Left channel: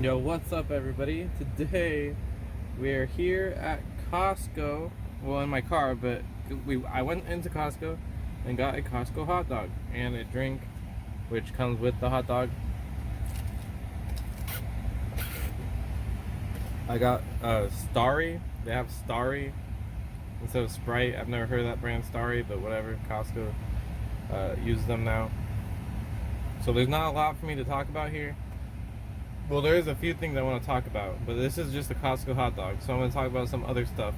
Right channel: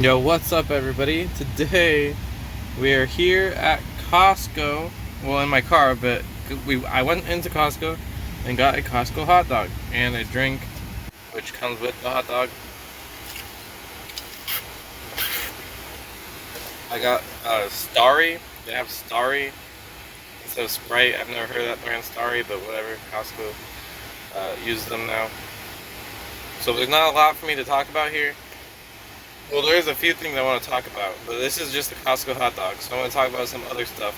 Yo, what's up, everybody? Today we are here at Costco. Well, in my car, but I went into Costco and got a Costco hot dog and a drink, which comes with the hot dog. I got Starry. They have Starry instead of Sprite. I've never heard of that brand, Starry, but whatever. Costco uses them now. So there's not a lot for me to talk about here. Well, there's a few things I want to talk about, but this is just the Costco hot dog. So I'm going to talk about some other stuff,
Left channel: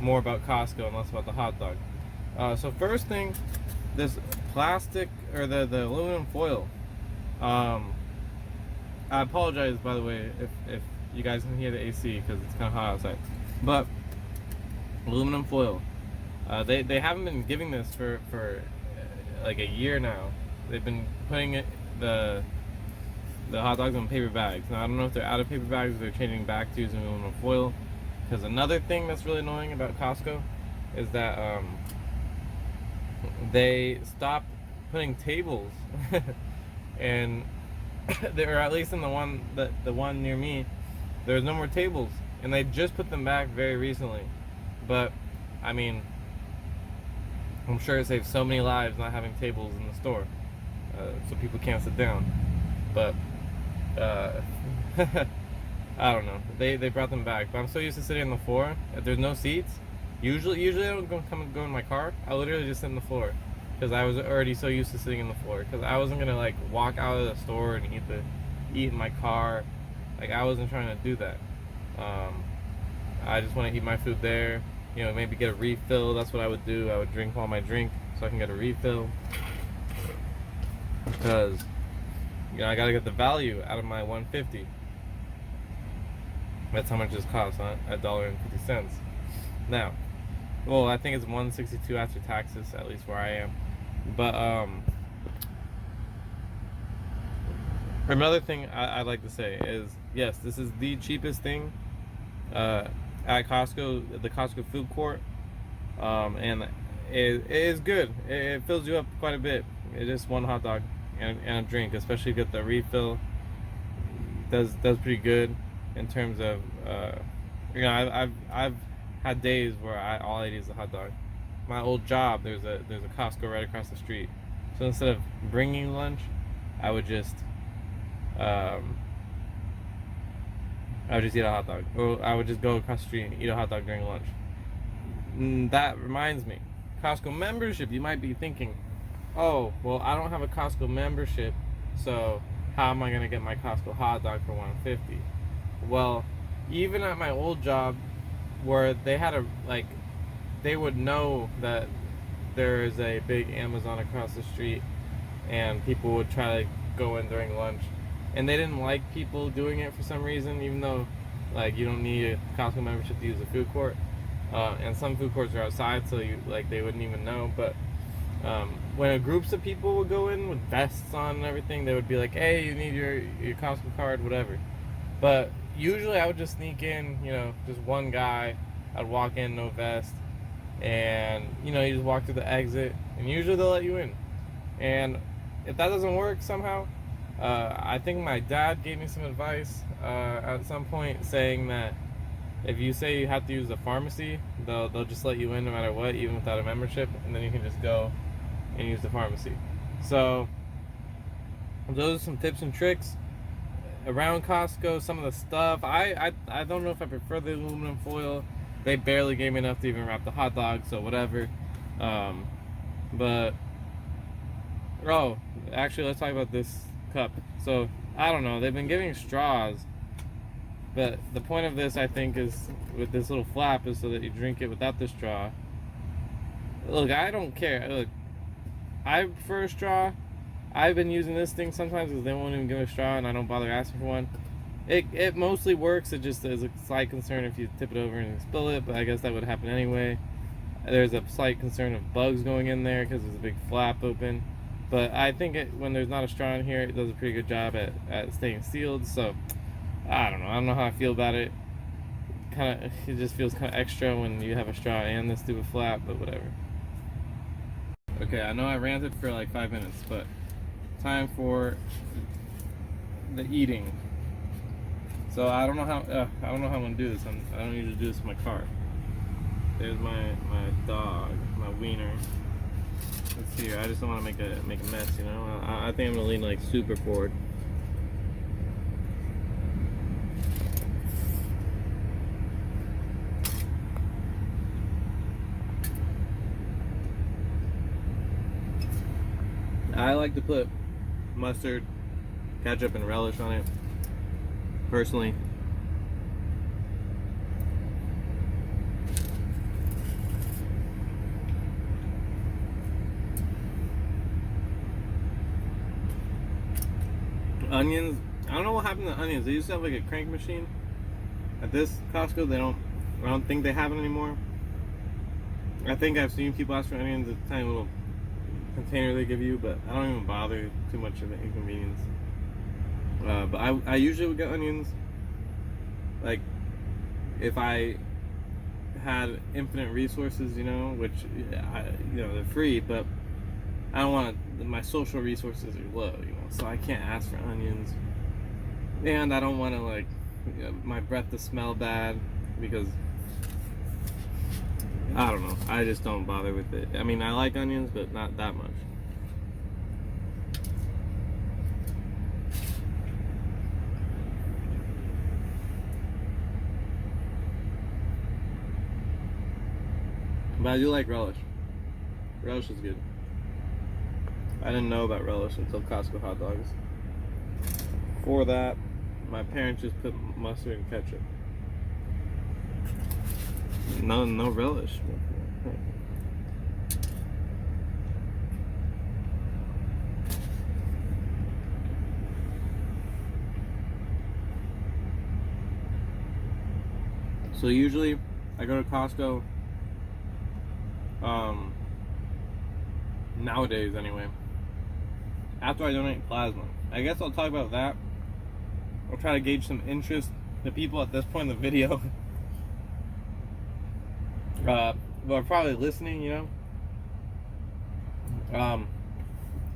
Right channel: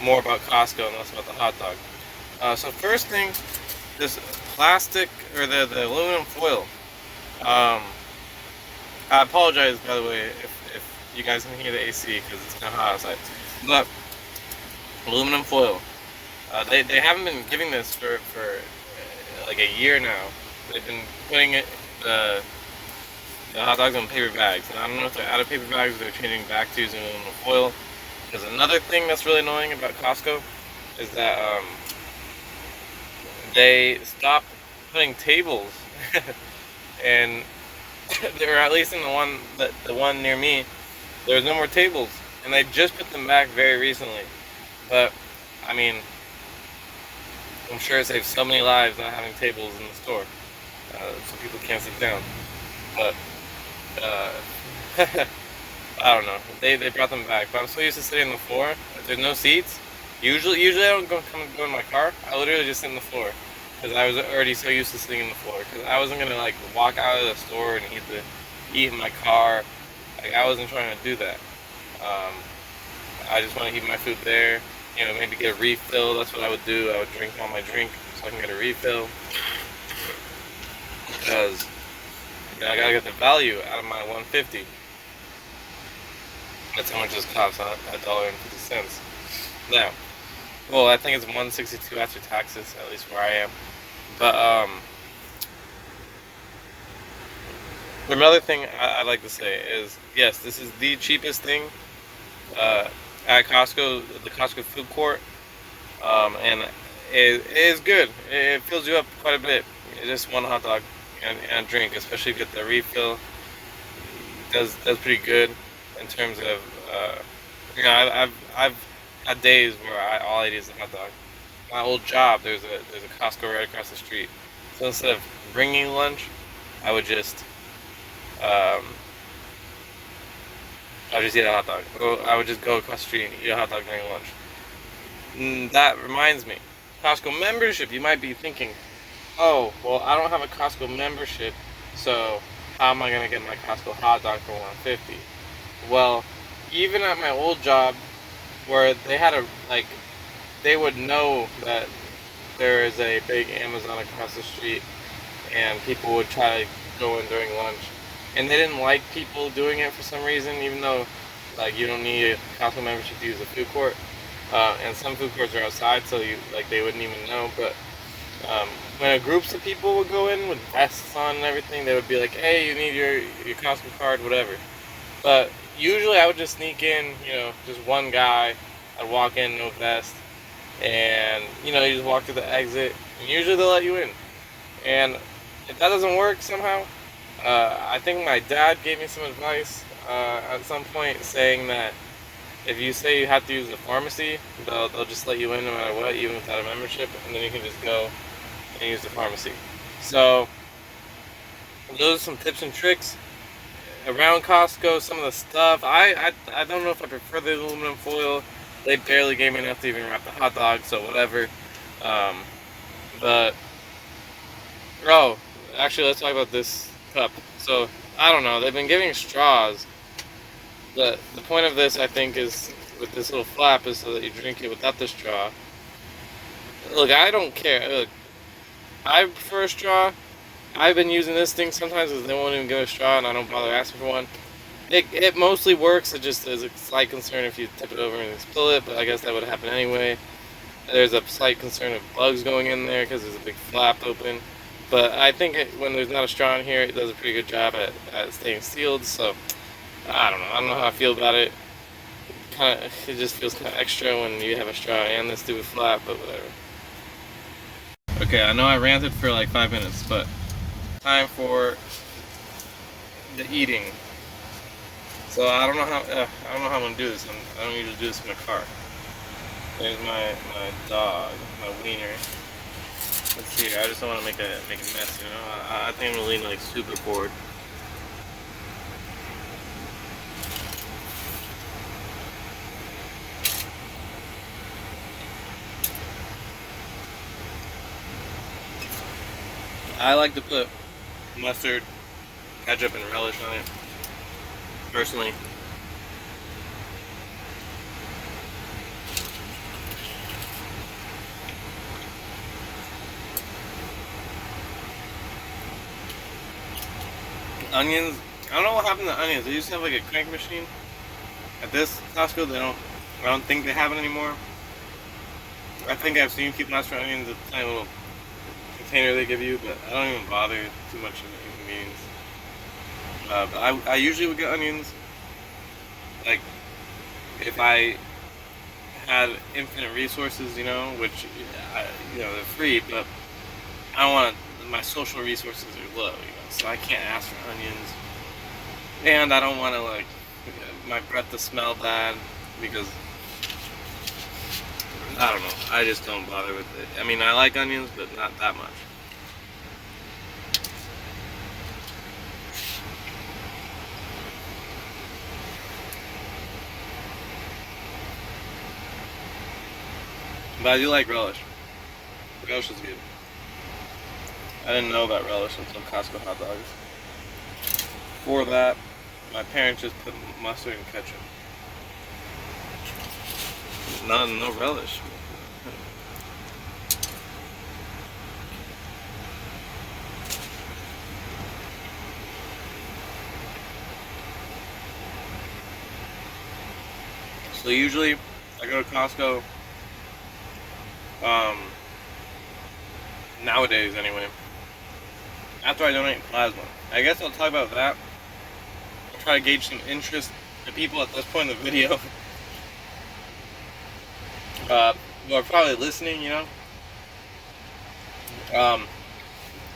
more about Costco and less about the hot dog. So first thing, this plastic or the aluminum foil. I apologize, by the way, if you guys can hear the AC because it's kind of hot outside. But aluminum foil. They haven't been giving this for like a year now. They've been putting the hot dogs on paper bags, and I don't know if they're out of paper bags or they're changing back to using aluminum foil. Because another thing that's really annoying about Costco is that they stopped putting tables, and or at least in the one near me, there's no more tables, and they just put them back very recently. But I mean, I'm sure it saves so many lives not having tables in the store, so people can't sit down. But I don't know. They brought them back, but I'm so used to sitting on the floor. If there's no seats, usually I don't go in my car. I literally just sit on the floor because I was already so used to sitting on the floor. Because I wasn't gonna like walk out of the store and eat in my car. Like I wasn't trying to do that. I just want to eat my food there. You know, maybe get a refill. That's what I would do. I would drink all my drink so I can get a refill because I gotta get the value out of my $1.50. That's how much this costs, $1.50. Now, well, I think it's $1.62 after taxes, at least where I am. But another thing I'd like to say is, yes, this is the cheapest thing at Costco, the Costco food court, and it is good. It fills you up quite a bit. It's just one hot dog and a drink, especially if you get the refill. Does pretty good in terms of I've had days where all I eat is a hot dog. My old job, there's a Costco right across the street, so instead of bringing lunch, I would just eat a hot dog. Or I would just go across the street and eat a hot dog during lunch. That reminds me, Costco membership. You might be thinking, oh, well, I don't have a Costco membership, so how am I gonna get my Costco hot dog for $1.50? Well, even at my old job, where they had they would know that there is a big Amazon across the street, and people would try to go in during lunch, and they didn't like people doing it for some reason, even though you don't need a Costco membership to use a food court, and some food courts are outside, so they wouldn't even know, but. When groups of people would go in with vests on and everything, they would be like, hey, you need your Costco card, whatever. But usually I would just sneak in, just one guy. I'd walk in, no vest. And, you just walk through the exit. And usually they'll let you in. And if that doesn't work somehow, I think my dad gave me some advice at some point saying that if you say you have to use the pharmacy, they'll just let you in no matter what, even without a membership. And then you can just go and use the pharmacy. So those are some tips and tricks around Costco. Some of the stuff I don't know if I prefer the aluminum foil. They barely gave me enough to even wrap the hot dog, so whatever. But actually, let's talk about this cup. So I don't know. They've been giving straws. The point of this, I think, is with this little flap is so that you drink it without the straw. Look, I don't care. Look, I prefer a straw. I've been using this thing sometimes because they won't even give a straw and I don't bother asking for one. It mostly works. It just is a slight concern if you tip it over and spill it, but I guess that would happen anyway. There's a slight concern of bugs going in there because there's a big flap open. But I think when there's not a straw in here, it does a pretty good job at staying sealed. So I don't know. I don't know how I feel about it. It just feels kind of extra when you have a straw and this stupid flap, but whatever. Okay, I know I ranted for like 5 minutes, but time for the eating. So I don't know how I'm gonna do this. I don't usually do this in my car. There's my dog, my wiener. Let's see. I just don't want to make a mess, you know. I think I'm gonna lean like super forward. I like to put mustard, ketchup, and relish on it. Personally. Onions, I don't know what happened to onions. They used to have like a crank machine. At this Costco, I don't think they have it anymore. I think I've seen people ask for onions, a tiny little container they give you, but I don't even bother. Too much of an inconvenience. But I usually would get onions, like, if I had infinite resources, you know, which, you know, they're free, but I don't want my social resources are low, you know, so I can't ask for onions, and I don't want to, like, my breath to smell bad, because I don't know, I just don't bother with it. I mean, I like onions, but not that much. But I do like relish. Relish is good. I didn't know about relish until Costco hot dogs. For that, my parents just put mustard and ketchup. No relish. So usually, I go to Costco. Nowadays anyway, after I donate plasma. I guess I'll talk about that. I'll try to gauge some interest. The people at this point in the video who are probably listening, you know.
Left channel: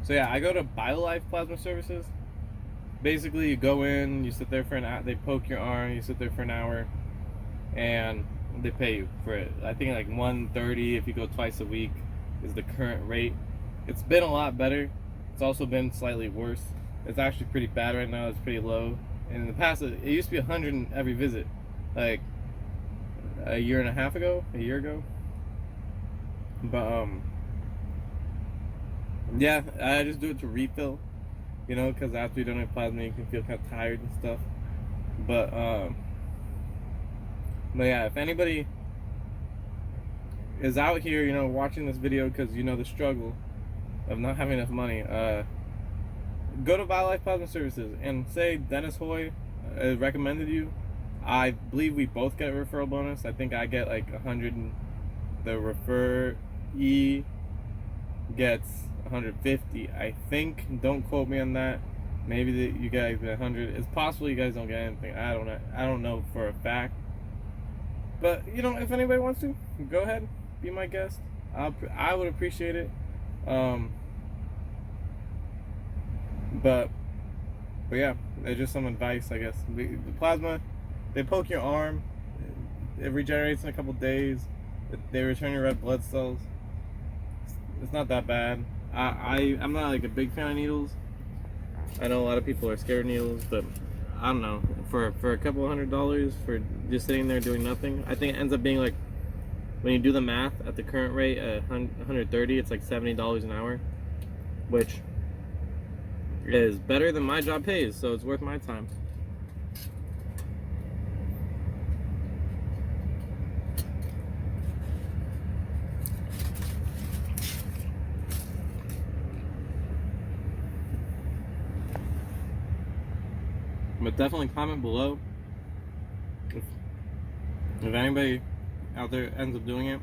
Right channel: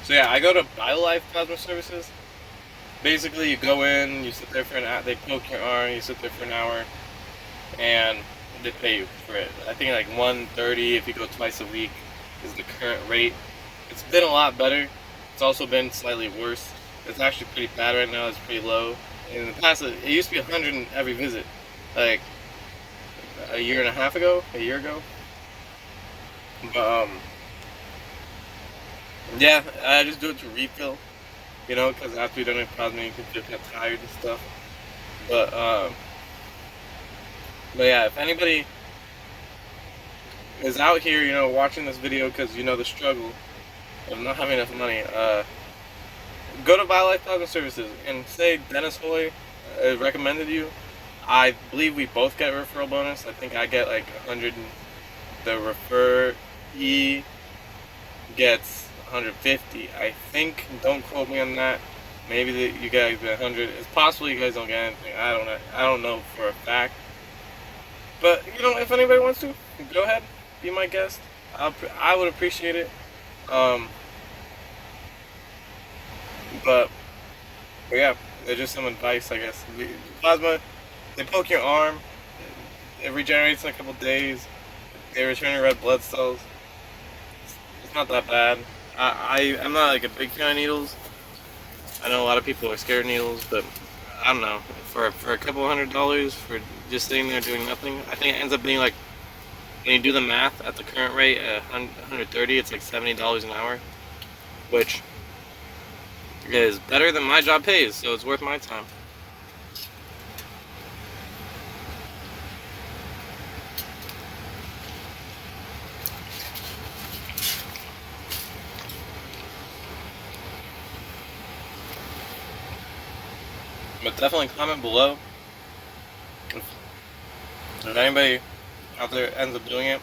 So yeah, I go to BioLife Plasma Services. Basically, you go in, you sit there for an hour, they poke your arm, you sit there for an hour, and they pay you for it. I think like $130 if you go twice a week is the current rate. It's been a lot better. It's also been slightly worse. It's actually pretty bad right now. It's pretty low. In the past, it used to be $100 every visit, like a year ago. But yeah, I just do it to refill, you know, because after you donate plasma, you can feel kind of tired and stuff. But yeah, if anybody is out here, you know, watching this video because you know the struggle of not having enough money, go to BioLife Plasma Services and say Dennis Hoy recommended you. I believe we both get a referral bonus. I think I get like 100. The referee gets 150. I think. Don't quote me on that. Maybe you guys get 100. It's possible you guys don't get anything. I don't know. I don't know for a fact. But you know, if anybody wants to, go ahead, be my guest. I would appreciate it. But yeah, they're just some advice, I guess. Plasma, they poke your arm, it regenerates in a couple days, they return your red blood cells. It's not that bad. I'm not like a big fan of needles. I know a lot of people are scared of needles, but I don't know. For a couple $100 for just sitting there doing nothing, I think it ends up being like, when you do the math at the current rate at 130, it's like $70 an hour, which is better than my job pays, so it's worth my time. But definitely comment below if anybody out there ends up doing it,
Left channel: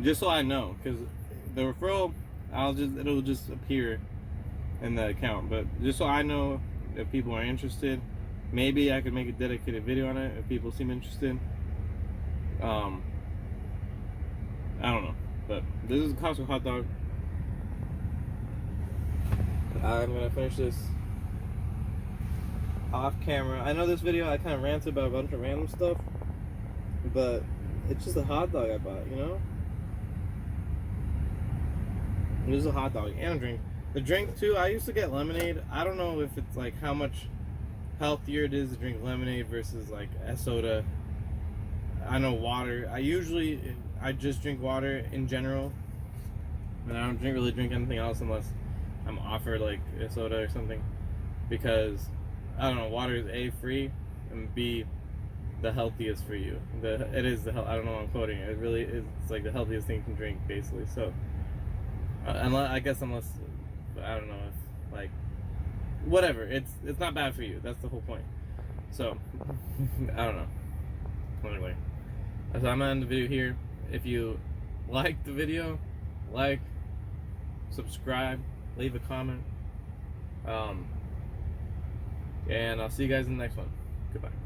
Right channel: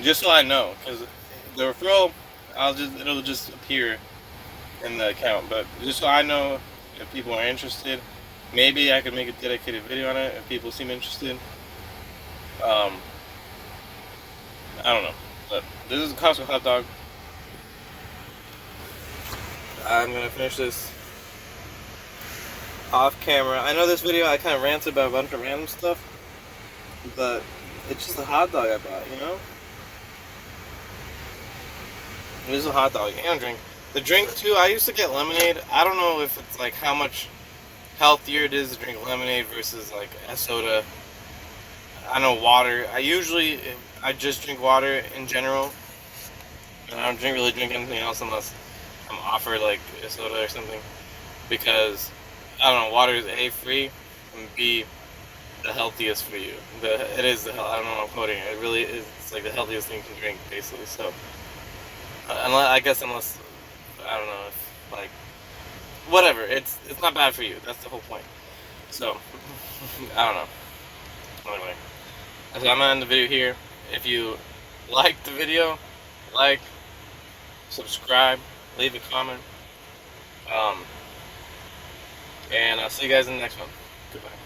just so I know, because the referral, it'll just appear in the account, but just so I know if people are interested. Maybe I could make a dedicated video on it if people seem interested. I don't know, but this is a Costco hot dog. I'm gonna finish this off camera. I know this video I kind of ranted about a bunch of random stuff, but it's just a hot dog I bought, you know? This is a hot dog and a drink. The drink too, I used to get lemonade. I don't know if it's like how much healthier it is to drink lemonade versus like a soda. I know water. I just drink water in general. And I don't really drink anything else unless I'm offered like a soda or something. Because I don't know, water is A, free, and B, the healthiest for you. It is the I don't know what I'm quoting. It really is. It's like the healthiest thing you can drink, basically. So, unless I don't know, if like whatever. It's not bad for you. That's the whole point. So, I don't know. Anyway, so I'm gonna end the video here. If you liked the video, like, subscribe, leave a comment, and I'll see you guys in the next one. Goodbye.